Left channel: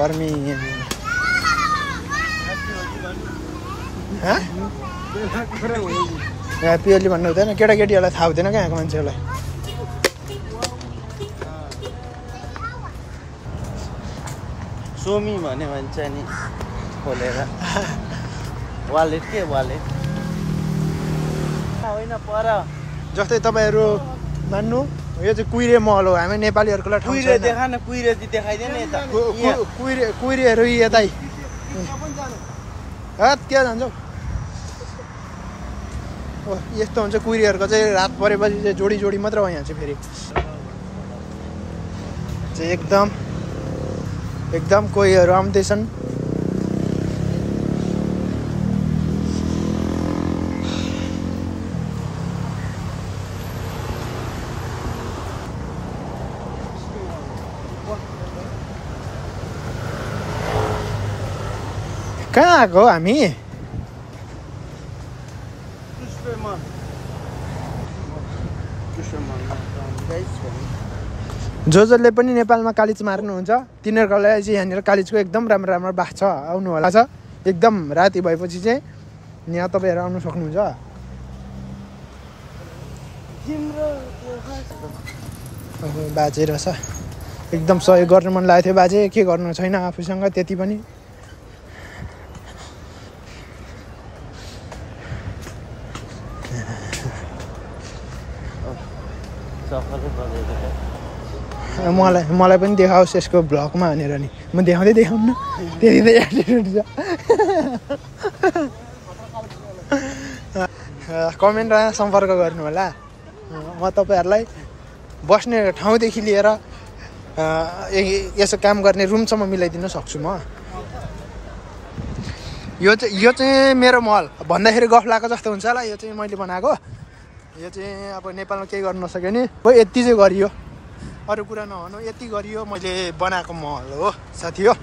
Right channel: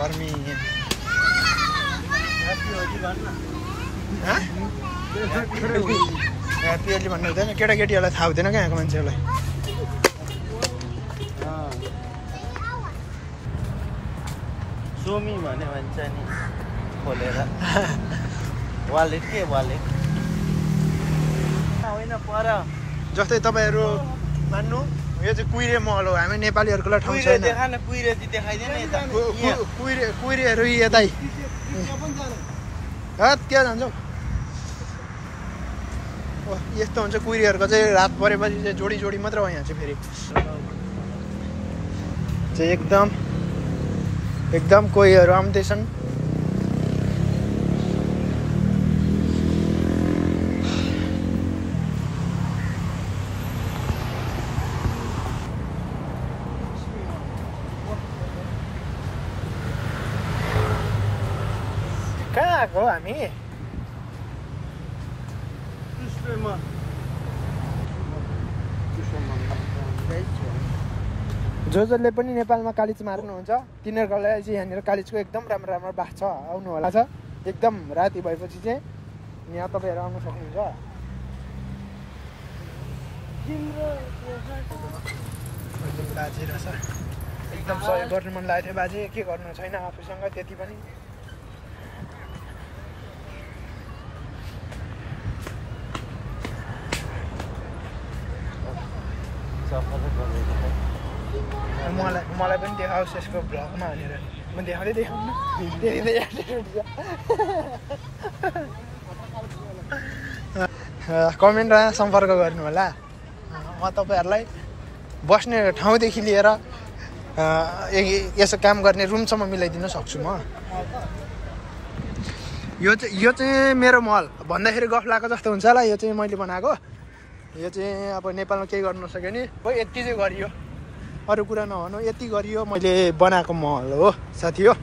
गर्मी ह्याप्पी होली भन्नु हुँदैन केटाकेटीहरूलाई थाहा हुँदैन क्या यहाँको मान्छेहरूलाई सोमी भन्ने भन्छ नि खोलेर वालेट के वालेट होइन पर जस्तै तपाईँहरू मान्नु यो चाहिँ कुइरे महल हो हामी नेपालीहरूको लागि ठाउँ छैन कुइरेहरू यतै के जान्छौ यस्तो हुन्छ कुइरेहरूको चाहिँ रात परेपछि चाहिँ जोडी जोडी मात्र हो यहाँ चाहिँ फेरि चाहिँ एकदम कोहीहरू आउँदैछन् कहाँ आएको हामी जसले पनि नेपालमा कालिज मार्नुहुन्छ तिनीहरूको लागि चाहिँ यहाँनिर कालिजको एकदम राम्रो राम्रो बास छ आउनु होला छ एकदम राति भएपछि चाहिँ यहाँ तपाईँहरू आउनु सक्नुहुन्छ बाजे रहेछ एकदम सहयोग गर्नु मन लागेको थियो बाजे के गर्नु छैन आफूसँग त्यति पनि मलाई पनि देखाओस् यसको भ्लगमा भनेर नि म देखाउनु त्यति त एटिट्युड छ कमेन्टमा सम्पर्क गर्नु होला म तपाईँहरूलाई बस्ने ठाउँदेखि लिएर यसो काम गर्ने रुमसम्म मिलाइदिन सक्छु म यो चाहिँ मेरो महल भन्दाखेरि गफ लागेको जस्तो हुन्छ होला यो चाहिँ मैले बनाएको यो चाहिँ अब नेपालमा केही गर्नु नसक्यो नि यति चाहिँ गरियो अरू कुरा नभनौँ यति गरियो मैले बनाएको महल हो साथी हो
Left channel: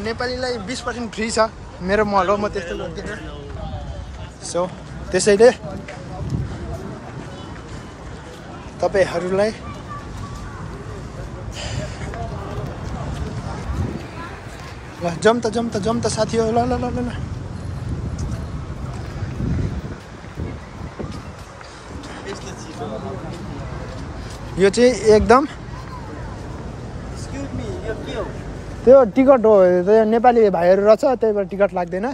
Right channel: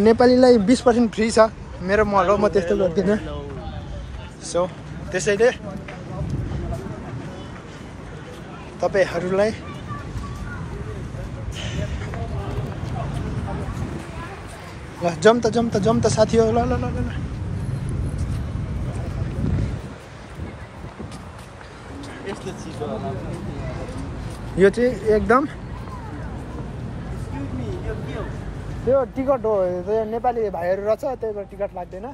नेपालीलाई 20% फ्री छ मेरो महल हो म त्यस्तो गर्दिनँ सो त्यसैले तपाईँहरूलाई ल जम त साथी हो ल यो चाहिँ एकदम त्यो टिकट हो त्यो नेपाली भाइहरू रहेछ त्यही भएर टिकट लाग्दैन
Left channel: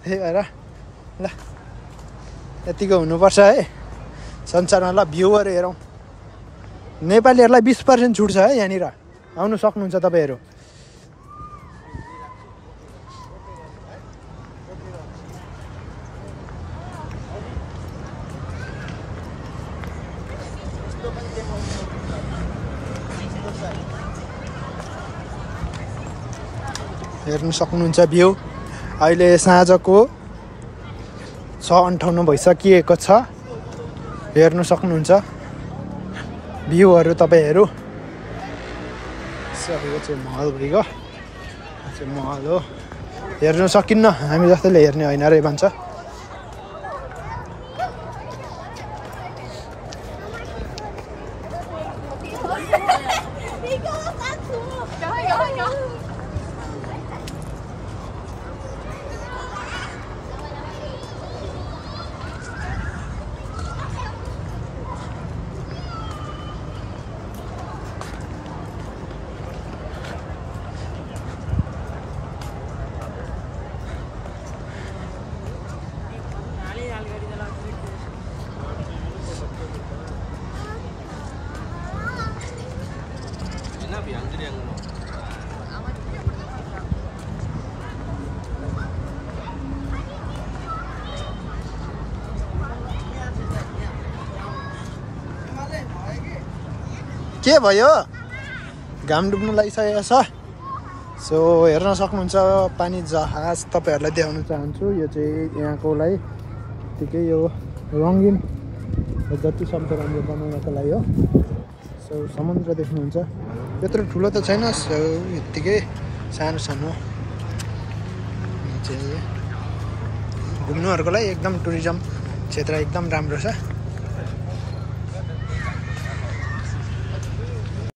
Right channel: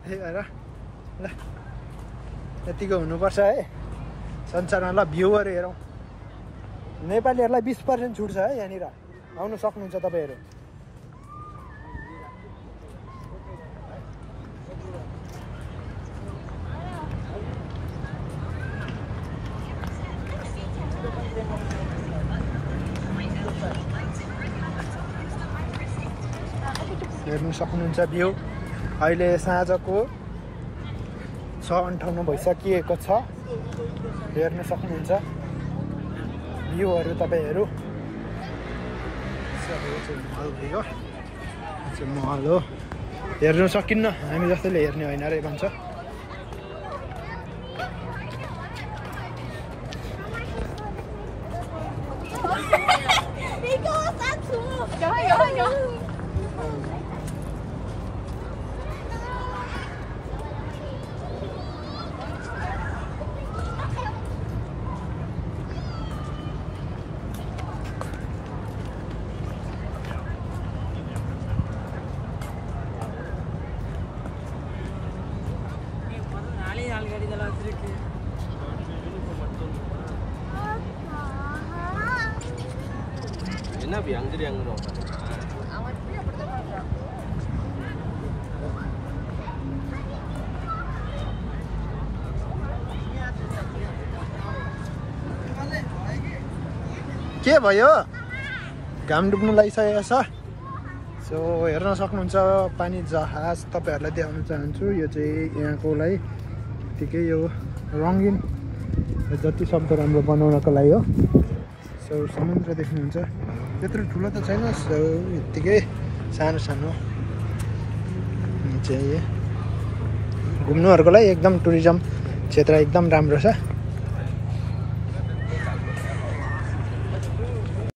त्यही भएर ल यतिको हुनुपर्छ है संसारमा ल भ्युहरू हेरौँ नेपालीहरूलाई 20% छुट छ है यहाँनिर आउनु सक्नुहुन्छ तपाईँहरू हेर्नु सक्नुहुन्छ भ्यू अहिले साँझको 6:58 भइसकिएको छ हेर्नु सक्नुहुन्छ भ्यूहरू तपाईँहरू यो चाहिँ महल भइगयो यो चाहिँ महल हो हेर्नु सकिन्न हामी जस्तैले हेर्ने होइन रे भन्छ के भयो घाम डुब्नु लागिसकेको छ। सो हेर्न सक्नुहुन्छ पानी जहाज तपाईँहरूलाई देखाउन चाहन्छु। यो चाहिँ यहाँकोलाई ठिकै यो रङ्गिन जति सक्दो राम्रो बनाउनको लागि हो। सो समुद्र देख्नुहुन्छ, त्यत्रो ठुलो त छैन, सो यत्तिकै सानो सानो चाहिँ घुम्नुहरूको लागि एकदम टुरिज्म क्षेत्र एकदम राम्रो छ।